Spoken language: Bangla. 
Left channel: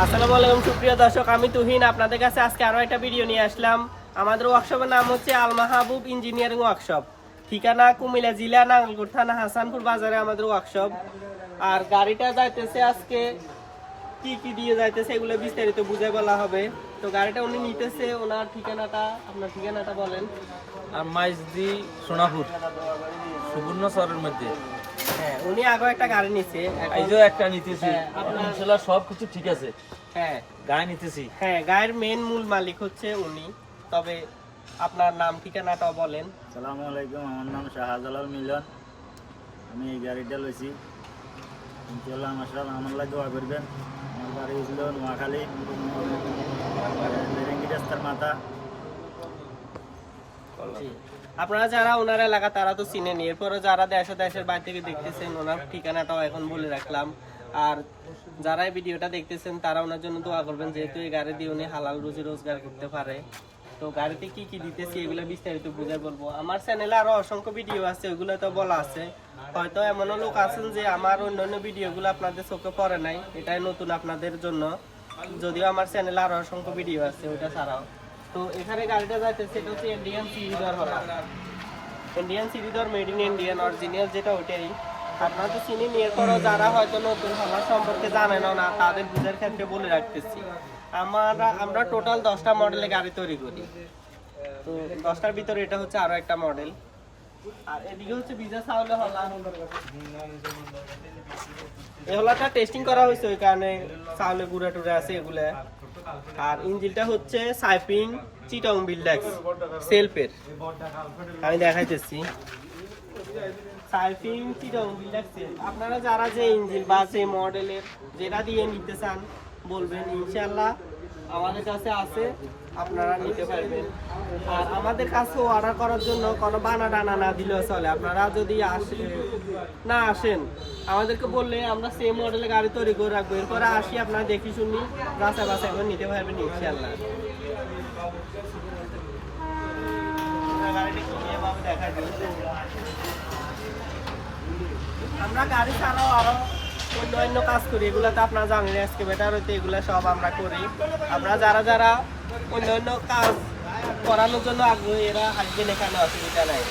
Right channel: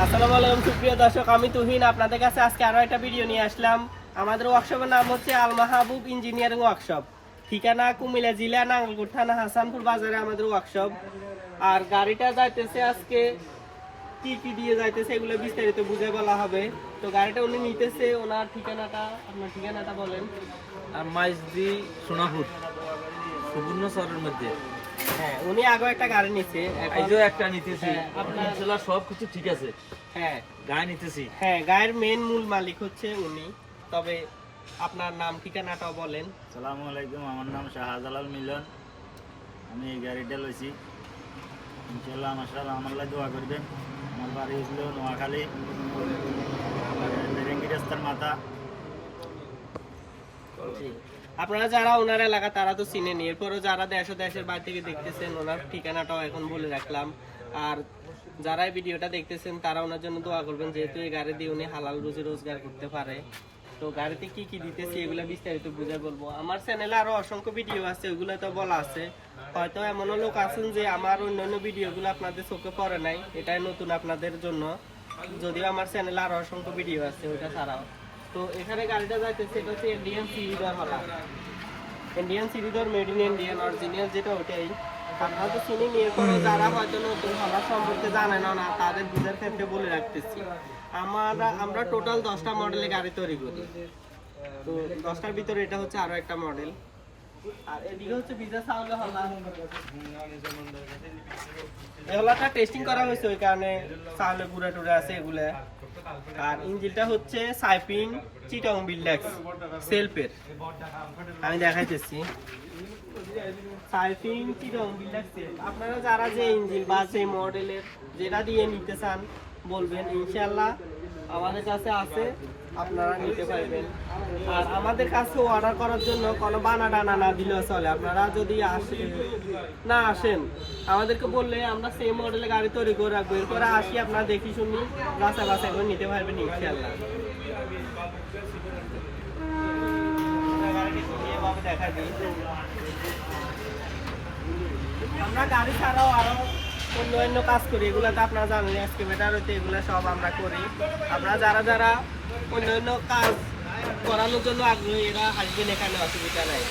আসসালামু আলাইকুম সুপ্রিয় দর্শক, আমি তুহিন আপনাদের কাছে আজকে আরো একটা ভিডিও নিয়ে আসলাম। আমাদের ওয়ার্কশপের নাম হচ্ছে আল মাহবুব ইঞ্জিনিয়ারিং ওয়ার্কশপ। ঠিকানা কুমিল্লা জেলা নাঙ্গলকোট থানা হাসানপুর বাজারে আমাদের ওয়ার্কশপ। আর গাড়িটা যাইতেছে আজকে কি কি দিয়ে যাইতেছে এগুলো বিস্তারিত বুঝাই বলা হবে। তো গাড়িটা উনি নিতেছে, ওনার ঠিকানাটা, আপনার ঠিকানাটা বলেন। আর মাইজদি সোনাপুর সুবর্ণ শহরের মধ্যে। হ্যাঁ, উনি আগে একটা গাড়ি নিছে, এই যে একটা নিতেছি, হ্যাঁ, আপনার ছেলে সব কিছু ঠিক আছে। হ্যাঁ গায়ে নিতেছি। হ্যাঁ, গাড়ির মেইন মূল মালিক হচ্ছে উনি। তবে আপনার নাম ঠিকানাটাও বলেন। আসসালামু আলাইকুম, আমার নাম শাহজালাল মিলন। আমি এই গাড়িটা লইছি, ইনশাল্লাহ আমার লাই দোয়া করবেন। আমার বাড়ি ছিল নোয়াখালী, বেরেঙ্গি রাস্তার মাথা। আপনারা যারা ওনার এলাকা তারা তো চিনেন, এরপরও যারা দেশের বাইরে থেকে দেখতেছেন ওনার ঠিকানাটাও এখন বলে রাখলাম। আর যারা এই ভিডিওটা দেখতেছেন তারা ওনার জন্য দোয়া করবেন, যেহেতু এই গাড়ি দিয়ে উনি হালাল রুজি রোজগার করতে পারে। তো গাড়িতে কি কি দিতেছি এগুলো বিস্তারিত বুঝে বলবো। আমার চ্যানেলে আরো অসংখ্য ভিডিও আছে, ওগুলো তো বলা আছে। হয়তো এমনও লোক আছেন যে আমার অন্যান্য ভিডিওগুলো আপনাদের চোখে পড়ে নাই, এটাই নতুন আপনাদের জন্য। যদিও আমার চ্যানেলে আরো অসংখ্য ভিডিও আছে ওইটা ছাড়াও। তো এখানে গাড়িটা যাইতেছে, এটা হচ্ছে ইন্ডিয়ান সিরিজর হলা, ইন্ডিয়ান সিরিজর মেড ইন ইন্ডিয়ান অরিজিনাল যেটা ওটাই। আপনারা তো চিনি, এরপরও যারা হয়তো নতুন হলা সম্পর্কে জানেন না তাদের বুঝার ক্ষেত্রে বলে রাখতেছি। আমরা টোটাল 10টা মডেলে গাড়ি তৈরি করি। তো 10টার ভিতরে এটা হচ্ছে আরো একটা মডেল। আর এদিকে হচ্ছে বিজা সাউন্ড হলা। এই হলাটা টেস্টিং করা হয়েছে, ওই কারণে চাউলে গুঁড়া টুড়া আছে এগুলা। আর ইঞ্জিনটা হচ্ছে সাইপিং চিটং বিল্ডাক্স সেলফের, আমি দেখাইতেছি। সাইপিং চিটং বিল্ডাক্স সেল। আপনারা যারা যে ইঞ্জিন বা যে মডেলের যেটা দিয়ে নিতে চান বলবেন, ইনশাআল্লাহ আমাদের কাছে আছে, আপনারা নিতে পারবেন। আর আমাদের কাছে অর্ডার করার জন্য কোনো বানা ডানা না দিলেও চলে। আপনারা যদি আসেন আমাদেরকে বললে আমরা সেম মডেলের গাড়ি তৈরি করে রাখবো। এরপরে আসি আপনারা দেখি শুনি বাসা বাসা করে নিতে পারবেন ইনশাআল্লাহ। দেখা দিই, আমরা গাড়ি ছাড়াও আরো অন্য কাজ করি, এগুলাতে আপনারা জানেন এক্সকেভেটর হইতে এগুলো সব আমরা করি। আমরা যারা অন্য কাজ করানোর জন্য আগ্রহী এরা আসবেন, এখানে অসুবিধা নাই।